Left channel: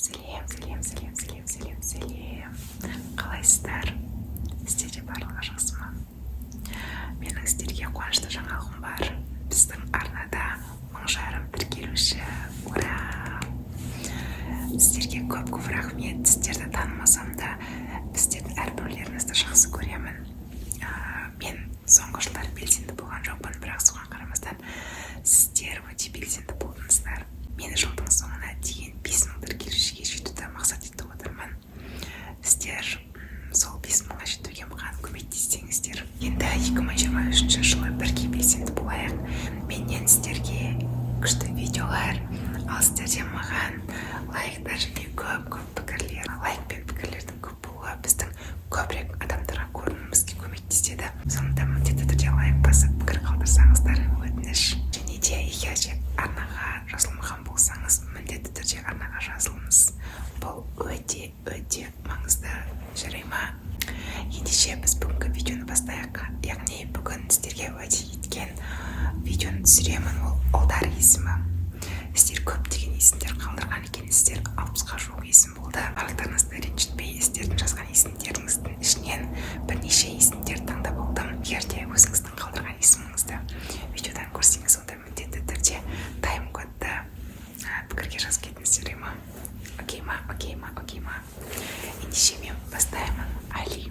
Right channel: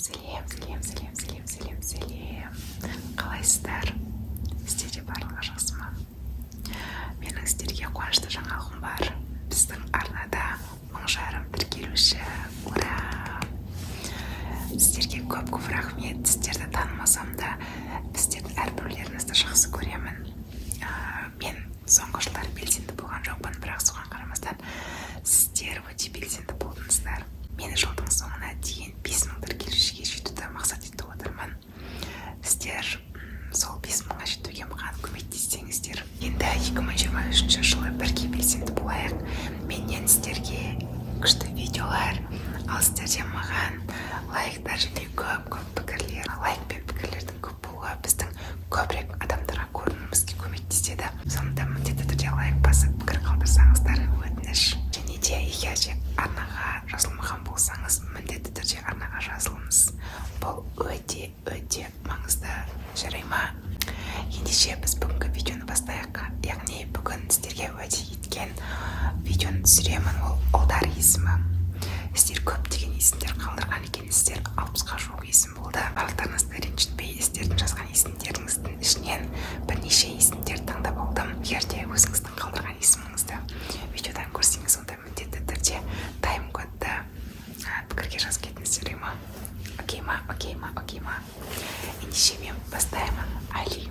Сәлем. Қалайсыздар? Сіздерде барлығы жақсы ма? Менің сіздерге қуанышты жаңалығым бар. Біздің арнада 1000 тіркелуші. Ура! Сіздерге көп рахмет. Сіздерді танымасам да, сіздердің әрбіреулеріңізді жақсы көремін. Мен соңғы жылдар белсенді болған жоқпын, бірақ соған қарамастан сіздер өте белсенді болдыңыздар. Мені жылдың соңына дейін 5000 тіркелушіге жетуді мақсат етіп отырмын. Сіздер сол 5000-ға жетуге маған көмектессеңіздер, енді 2023 жылы бірге белсенді болайық. Менен сіздерге күшті видеолар, ал сіздерден маған лайктар және көп пікірлер. Лайк пен пікірлердің көп болуы біздің көбірек адамдарға көрінуімізге көмектеседі. Сондықтан міндетті түрде лайк басып пікір қалдырсаңыздар өтініш. Және де егер арнаға жазылмаған болсаңыз, міндетті түрде арнаға жазылыңыз. Бұл өте маңызды, жарай ма? Ендеше біз бүгінгі видеоны бастайық. Яғни бүгін сіздерге уәде еткен видеоны түсіремін. Ол ұлдар есімі. Сіздер көптеген есімдер қалдырған екенсіздер. 60-ға жуық есім болды. Барлықтарыңызды ренжітпей, сіздердің жазған есімдеріңіздің ішінен бірнеше есімдер таңдап алдым. Егер де өзіңіздің қалдырған есіміңізді видеодан көрсеңіз, онда міндетті түрде тайм-кодты пікірге жазып кетіңіздер, ма? Окей ма? Ендеше мен бастаймын. Али.